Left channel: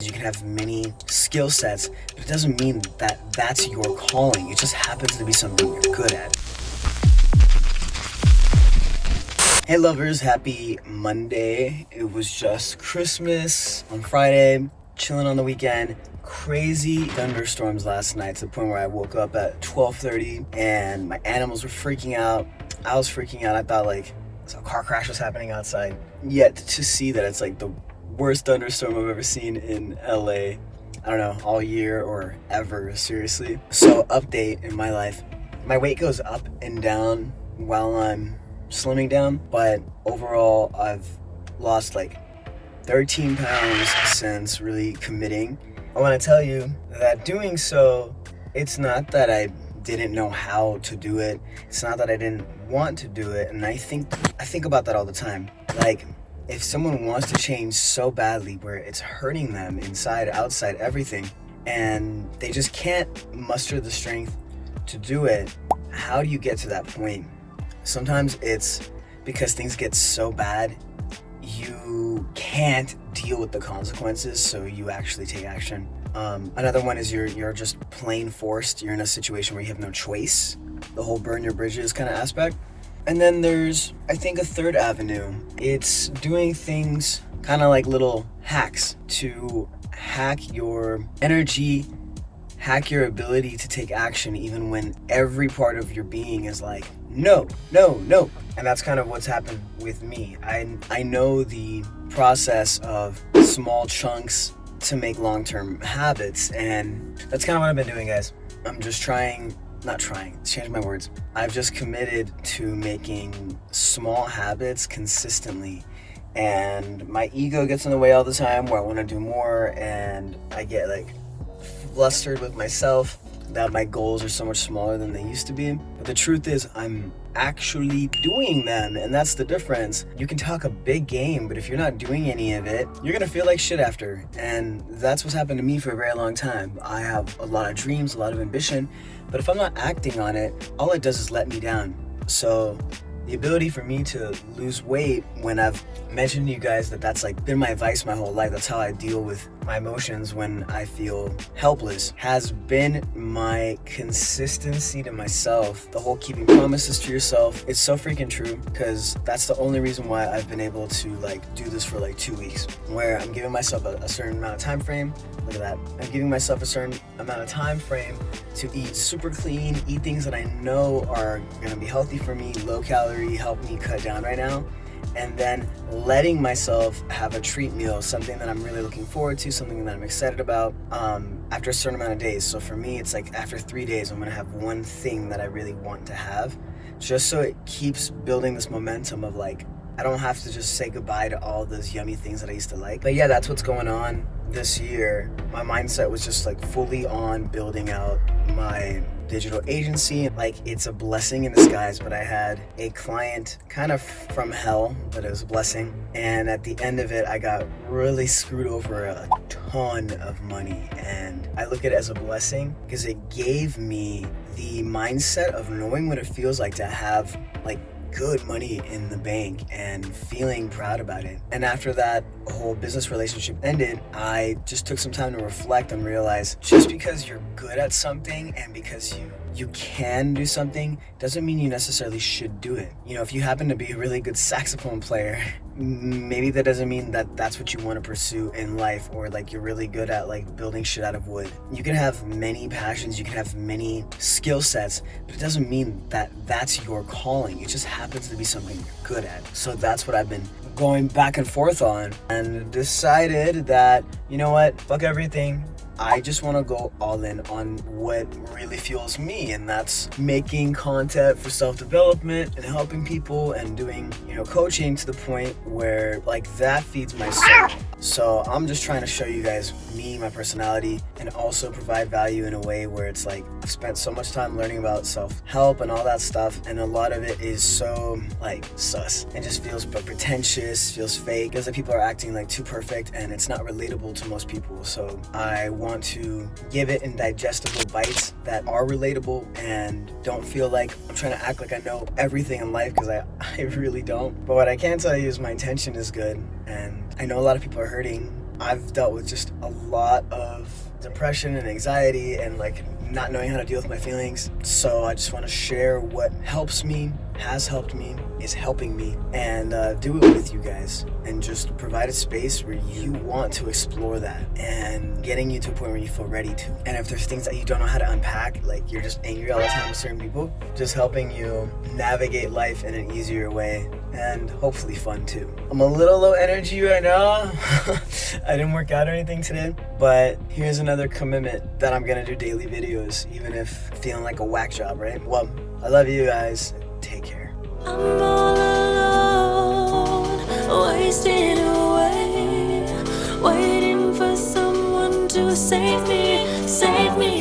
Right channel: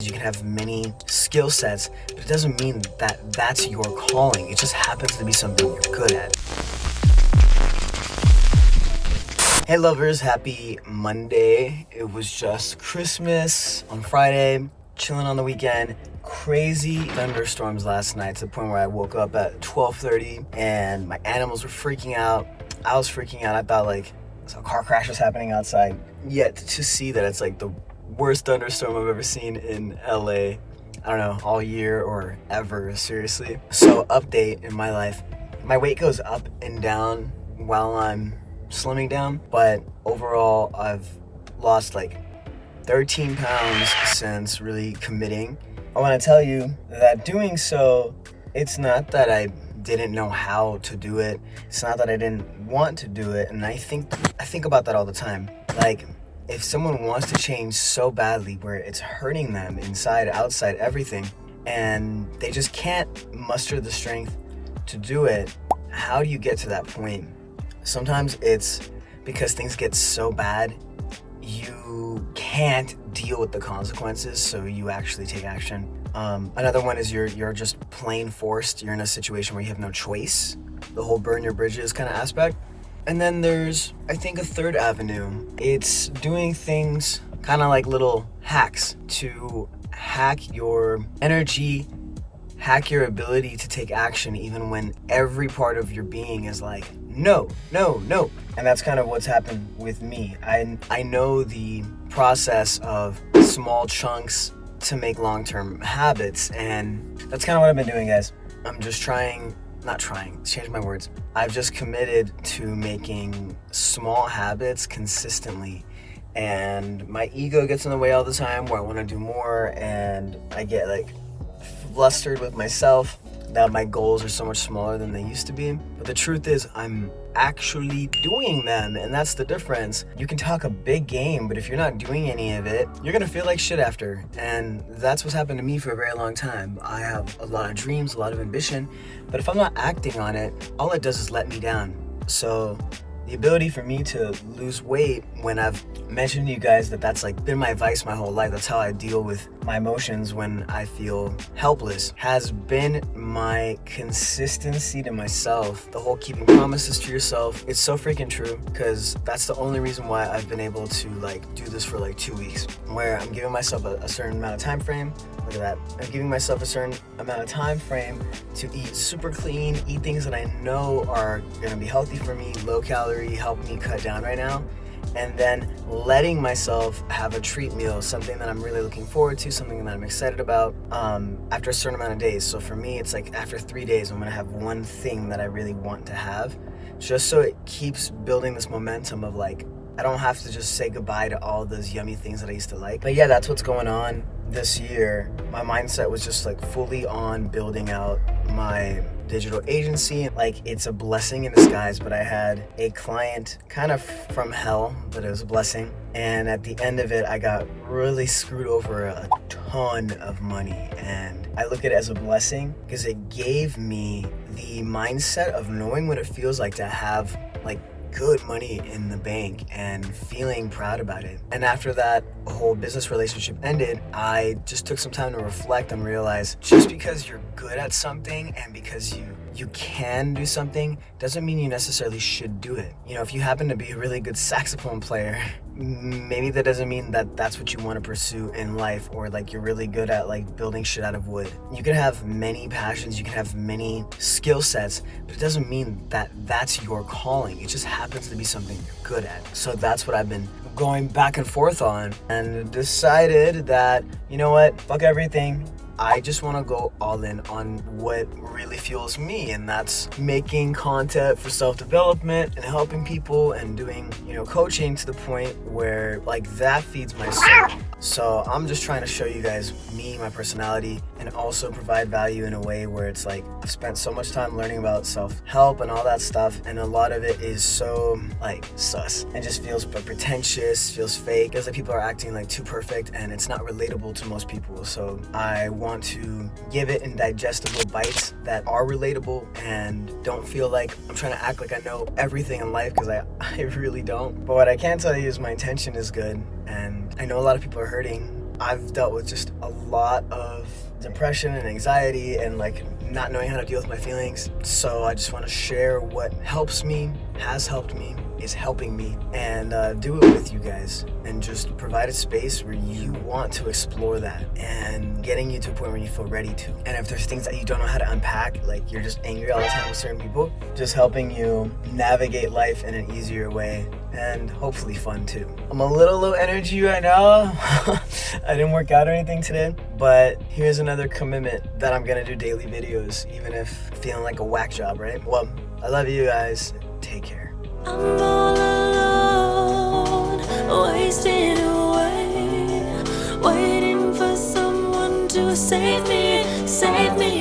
You can have many skill sets, but it doesn't mean that that's your calling. It just happens to be something you're good at. Hey lovers, happy Monday. It was just Christmas on Friday, chilling on the weekend. Crazy thunderstorms last night to the point where I woke up at 12:30 and my animals were freaking out. I was freaking out. I thought like a car crash was happening outside. Yet to see that it's like the worst thunderstorm I've ever seen in LA. I don't know, all year or ever, seriously. So update in my life. My weight goes up and down while I'm slimming down, but overall I've lost like 13 pounds since really committing. I want to tell you that doing so, it's not that I didn't know how to do it. It's not that I didn't want to do it. And I think about that all the time. Like, if someone wants to change so badly where it's hurting them inside, outside, everything, and they just can't muster the strength to do it, how do you get to that point? Sometimes it's because things get so bad, you can't deal with the consequences, so you actually take action. Another one is you're just plain forced. You're in a situation where you have no choice. The whole burn your bridges kind of aspect. And then there's, I think, a third avenue. It's doing things kind of like little hacks to hack your energy, hack your ability to take action even when every part of your being is like, no, no, no. And that's kind of what's happened with me. I know the process of small chunks to make long-term habits, and that's kind of what I've been doing, guys. I'm just change my words. I've just committed to making small habits consistently, and my ego gets in the way all the time where I want to do more, and I get like flustered with myself that my goals are so much smaller than they used to be. But the truth is I'm actually doing them, and that's the difference. You can talk a big game, but if you're not doing any of it, you're gonna feel like shit after. And that's what's happened to me for a very long time. I have a lot of dreams, a lot of ambition, but if I'm not acting on it, all it does is let me down. So the ability for me to lose weight, when I've mentioned to you guys that that's like been my vice my whole life, that's how I deal with my emotions when I feel helpless, has been my consistency to myself. The whole keeping promises to yourself, it's so freaking true, because that's the only reason why I've been able to like do this for like 2 weeks, where I'm giving myself a certain amount of time frame. Look at that. I'm giving myself a certain amount of time frame to eat super clean, eat things that I know are gonna be healthy for me, low calorie, help me cut down right now, and then letting myself have a treat meal, something that I'm really looking forward to, something that I'm excited about, after a certain amount of days. So for me, it's like after 3 days, I'm gonna have one thing that I really want to have, just so it keeps building this momentum of like, I don't have to just say goodbye to all those yummy things that I used to like. But yeah, that's what's going on this year. My mindset was just like fully on building out my digital agency. Like, it's a blessing in disguise, but I had a client kind of from hell, but it was a blessing. And at the end of it, I got really screwed over a ton of money. And I look at it as a blessing because it gave me the mindset of knowing what it feels like to have like good money in the bank and feeling proud about it. And after that whole business relationship ended, I just took some time to reflect and realize just because you're good at something and because you can do something doesn't mean you necessarily should do it. You know, if you happen to be a really good saxophone player, maybe that doesn't mean that that's what you want to pursue in life, or like you're really good at like building shit out of wood. You can have many passions, you can have many skill sets, but it doesn't mean that that's your calling. It just happens to be something you're good at. So that's what I've been going back and forth on, and decided that, you know what, fuck everything. I just want to go all in on what really fuels me, and that's making content for self-development and helping people and doing, you know, coaching to the point where like that feeds my soul. So I'm just trying to show you guys me, my personality, and also provide value in a way where it's like I've spent so much time learning about self-help and all that stuff, and a lot of it is so like sus and just feels pretentious, feels fake. Feels like people are acting like too perfect, and it's not relatable to most people. So I want to give it in digestible bites that are relatable and don't feel like I'm trying to act like I know everything in life, because I really don't. But what I can tell you is my intention is good, and I know a lot of people are hurting, I've dealt with just a lot of depression and anxiety and like not knowing how to deal with my feelings. So I just want to share what helps me, has helped me, is helping me, and do it with you guys, and just provide a space where you want to explore that and getting you to a point where you feel ready to. And if there's things that you don't know how to unpack, like you're just angry all the time with certain people, just helping you navigate life in an easier way and hopefully fun too. I'm a little low energy right now. I didn't work out or anything today, but here's another commitment that I'm gonna do daily videos, even if feeling like a whack job, right? Well, I love you guys. Take care. I'm all alone, wasting away, waiting for someone to save me,